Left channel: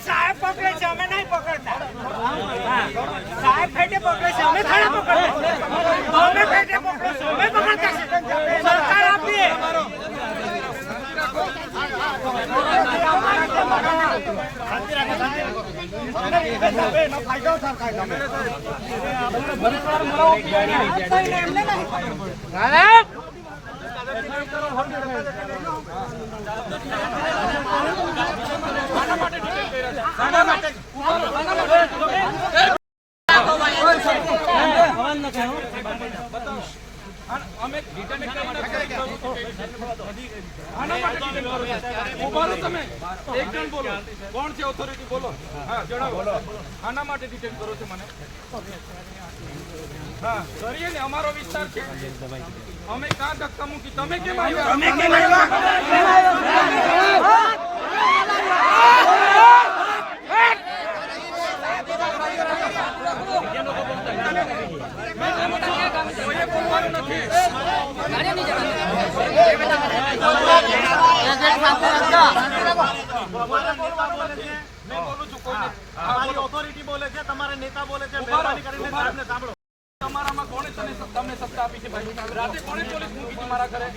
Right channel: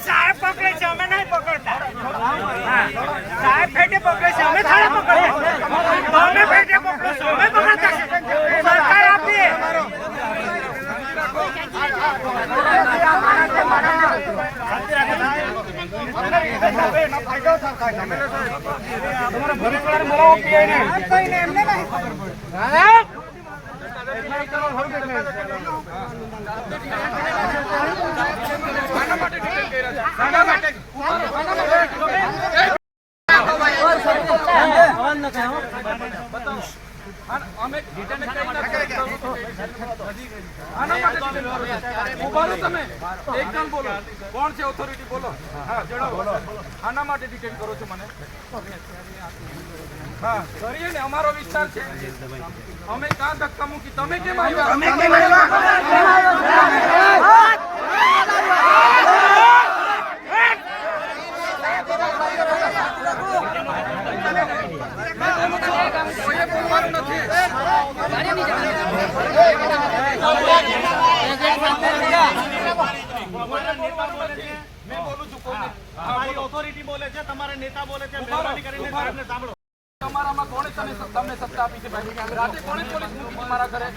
સાહેબ પકડે છે, અમે નહીં પકડતા. સાહેબ ફેટે પકડે છે, અમે થાળા પકડતા. અમે ફેટે પકડો છો, અમે પકડતા છે. સરકાર આપીએ. કોણ છે ઓથોરિટી? બોલો. હા, જણાવો. આના માટે ડિટેન કરો છો મને? હા, કરીએ ને, અમારો વિસ્તાર છે. અમે ક્યાં ધક્કા મૂકી? તમે કેમ આવ્યા? કોઈએ બોલવાનું નથી. મેં બોલું છું. ઓથોરિટી બોલે છે, તમારા નેતા બોલે છે. મહેરબાની કરીને સાહેબને સાંભળો. તમારામાં કોણે તમને સત્તા આપી છે ભાઈ? રાતે કોણે પોલીસ મૂકી છે મારા ઘરે?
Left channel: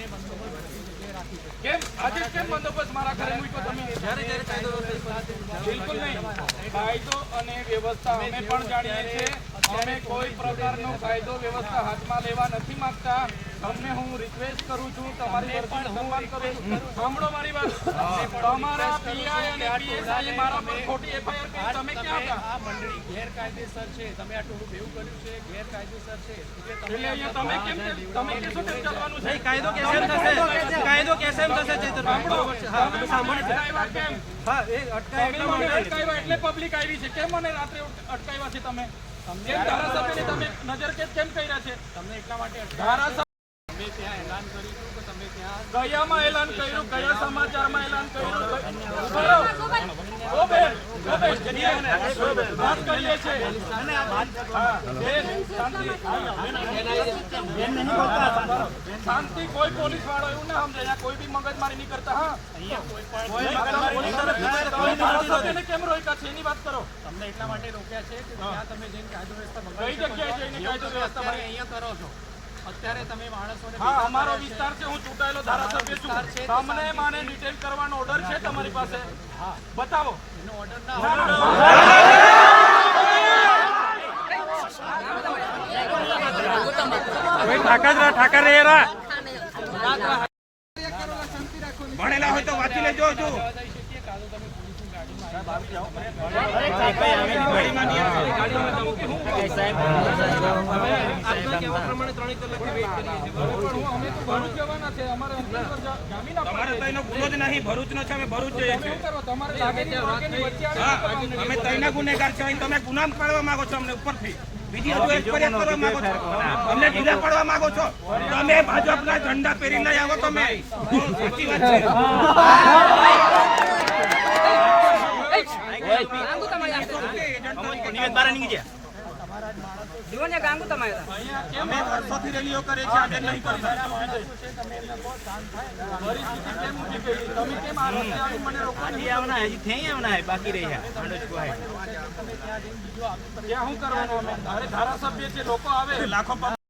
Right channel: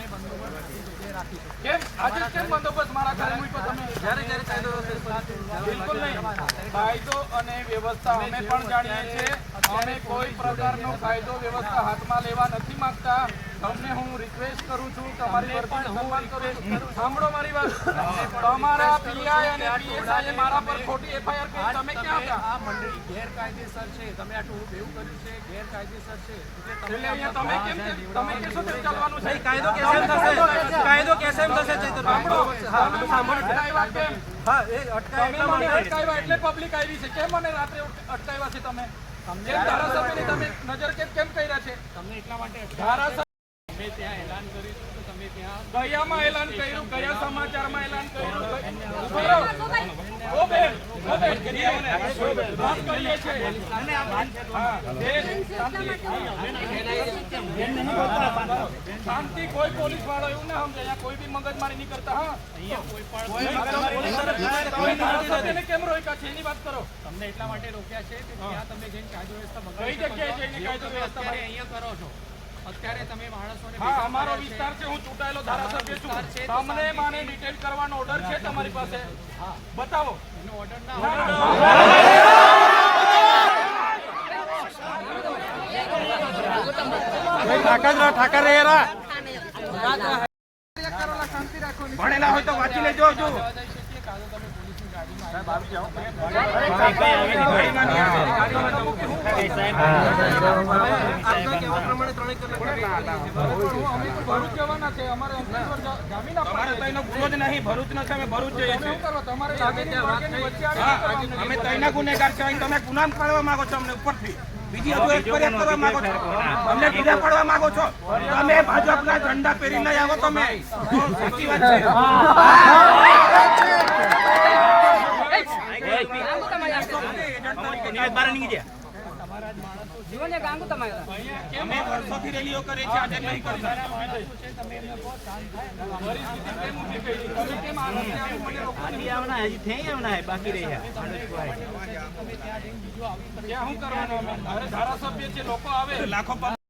કેમ આજે કેમ બંદોબસ્ત મારા ઘરે મૂક્યો તમે? જ્યારે કાયદો બિલકુલ નહીં. કાયદો અને વ્યવસ્થા અમે પણ જાણીએ છીએ. અમે કોઈ પ્રકારનો કાયદો વ્યવસ્થા હાથમાં લેવા નથી માંગતા. તમને હું રિક્વેસ્ટ કરું છું, તમારી વર્તન સન્માન કરું છું. સાંભળો મારી વાત. તમારા પીઆઈ અને પીએસઆઈ મારા પર ખોટી એફઆઈઆર કરી. તમે ક્યાં હતા? આ મંડળી ગેરકાયદેસર છે. તમે આ ટોળું એવું કર્યું છે, ગેરકાયદેસર છે. એટલે અહીંયા તમે કેશો તેમ ચાલવાનું છે. કાયદો કેમ થશે? કાયદો કેમ થશે? સાંભળો. અટકાવ્યા કેમ? હા, એ અટકાવ્યા એટલે પબ્લિક આવી છે. કેમ મને રાત્રે અટકાવ્યા છે તમે? કેમ ધારાસભ્યની તમે નજર કેમ કર્યા છે? તમને એટલા માટે ધારાસભ્ય તમે ત્યાં એલાન કર્યું હતું કે તમે ત્યાં કયામાં એલાન કર્યું? કયા સમાચારમાં એલાન કર્યું? શાંતિ. કોઈ પોલીસ વાળો એવું ના સમજે, કોઈ બી મગજમારી નહીં કરતા. હા, કેમ રોક્યા છે એની વાત કરો. તમને એટલા માટે રોક્યા છે કે ત્યાં તમે જઈને કાયદો વ્યવસ્થા કઈ જગ્યાએ જઈને કાયદો વ્યવસ્થા અહીંયા કરો છો? અત્યારે તમે માણસોને હા, અમારો વિસ્તાર છે. હું ચૂંટાયેલો ધારાસભ્ય છું. તમને મને ડિટેન કરવાનો ઓર્ડર છે તમારી પાસે? હા, બતાવો. એનો ઓર્ડર ના ઠાકર ભણેલા હોય તો વાંચી લેજો. જો અમે તઈના ગુનેગાર છે, તમે ગુનામ કાઢવા માંગો છો અમને ઉપરથી. બીજી હજુ એક ફરિયાદ કરવા માંગો છો, અમને ઢીલા પડવા માંગો છો. તમે ભાજપના ઝંડા પહેરી લઈ આવો. તમે સાચી વાત છે. વર્ષોથી રેલીઓ કરે છે, આજે નહીં કરતા. તમે કેમ આ રસ્તે આવી મને રોકવાની બાકી રહ્યા? શું કરવાનું? અમે ધારાસભ્ય છે, લોકો આવે લાખો